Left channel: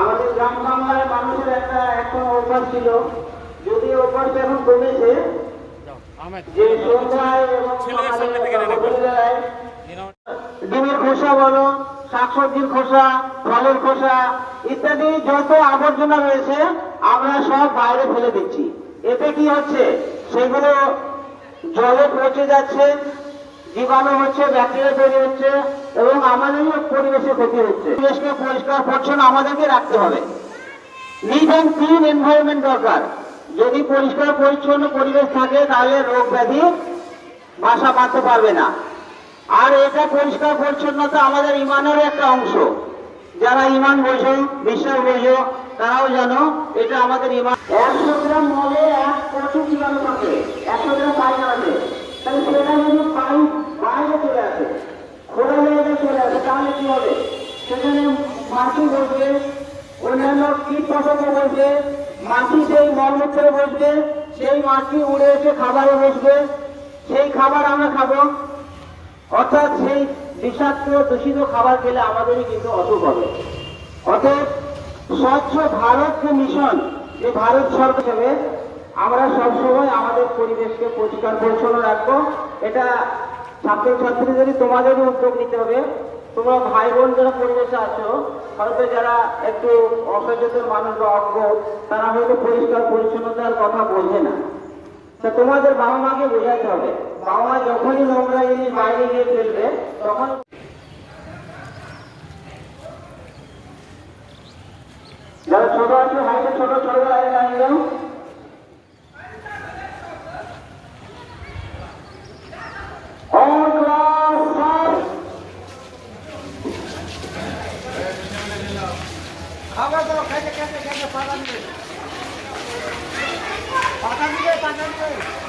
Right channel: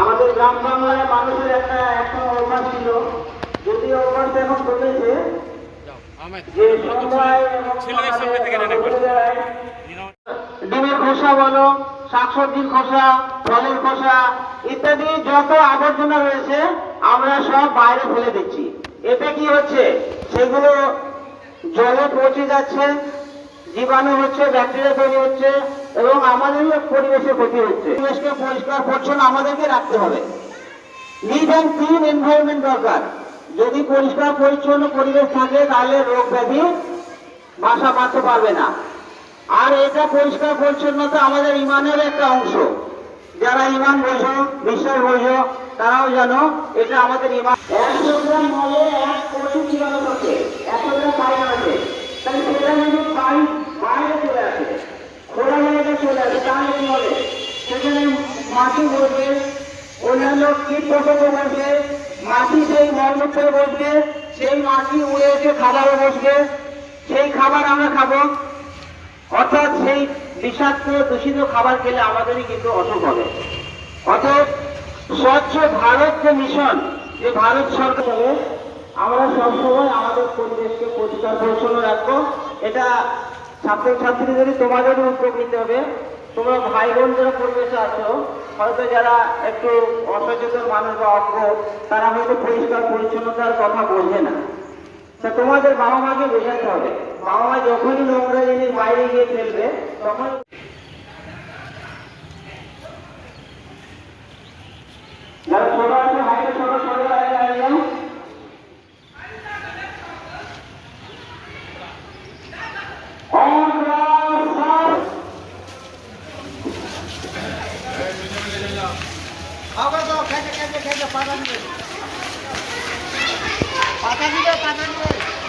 আমাদের গ্রাম বাংলায় মানুষের একটা এখন অভ্যাস ছিল যদি অভ্যাসটা এখন কমেছে যে ডিমের খোসা বলো শাকসবজির খোসা ফলের খোসা ইত্যাদি যত আবর্জনা রয়েছে আমরা সব বাইরে ফেলে দিচ্ছি। এতে কি হচ্ছে? সেগুলো জলে পচে যাচ্ছে জীবাণু হচ্ছে, ব্যাকটেরিয়া তৈরি হচ্ছে এবং আমাদেরও পরিবেশের ক্ষতি হচ্ছে। পরিবেশকে পরিষ্কার, পরিচ্ছন্ন আমাদেরকে রাখতে হবে। নিট অ্যান্ড ক্লিন এনভায়রনমেন্ট দরকার। যদি পরিষ্কার, পরিচ্ছন্ন পরিবেশ থাকে, তাহলে রোগ ব্যাধি বাসা বাঁধতে পারবে না। আর এটা পরিষ্কার, পরিচ্ছন্নতা আমাদের ইমানের একটা অংশ। যারা ইমান বোঝো বিশ্বাস বোঝো তারাও জানো, এটা আমাদের ইমান। একশো গ্রাম মলে এক প্রচুর জীবাণু থাকে। একশো গ্রাম পায়রা আছে তাহলে সেটা যদি পাই বাইরে চলে আসে খোলা জায়গায় চলে আসে তাহলে কি হবে সেখানে মাটি বসবে অন্যান্য কীট পতঙ্গ বসবে মাটি সেই মলমূত্রে বসবে, সেই মাটি উড়ে এসে খাবারে বসবে। সেই খাবার আমরা খাব। অর্থাৎ সেই বিষাক্ত, দূষিত খাবার খেলে আমাদেরই কিন্তু অসুখ হবে। অর্থাৎ স্বচ্ছ ভারত যে মিশন, যে ভারত সরকার আমরা সবসময় আমাদের পরিবেশকে পরিষ্কার পরিচ্ছন্ন রাখব। এটা ছাত্রছাত্রীদেরই তোমাদেরই উদ্যোগ নিতে হবে। তোমরা ভাই বোন যারা পরিবেশে আছো। হয়তো যারা একটু অসচেতন মানুষ বা অজ্ঞ তারা হয়তো পরিষ্কার পরিচ্ছন্নতার কথা বোঝে না। তা তোমাদের বাবা মাকে বোঝাতে হবে। বাবা মা যখনই নোংরা জিনিস বাইরে গিয়ে ফেলবে তখন હવે તો ખેંચે ખેંચે ખેંચે પાકા નીકળે. પાકા નીકળે પાકા નીકળે.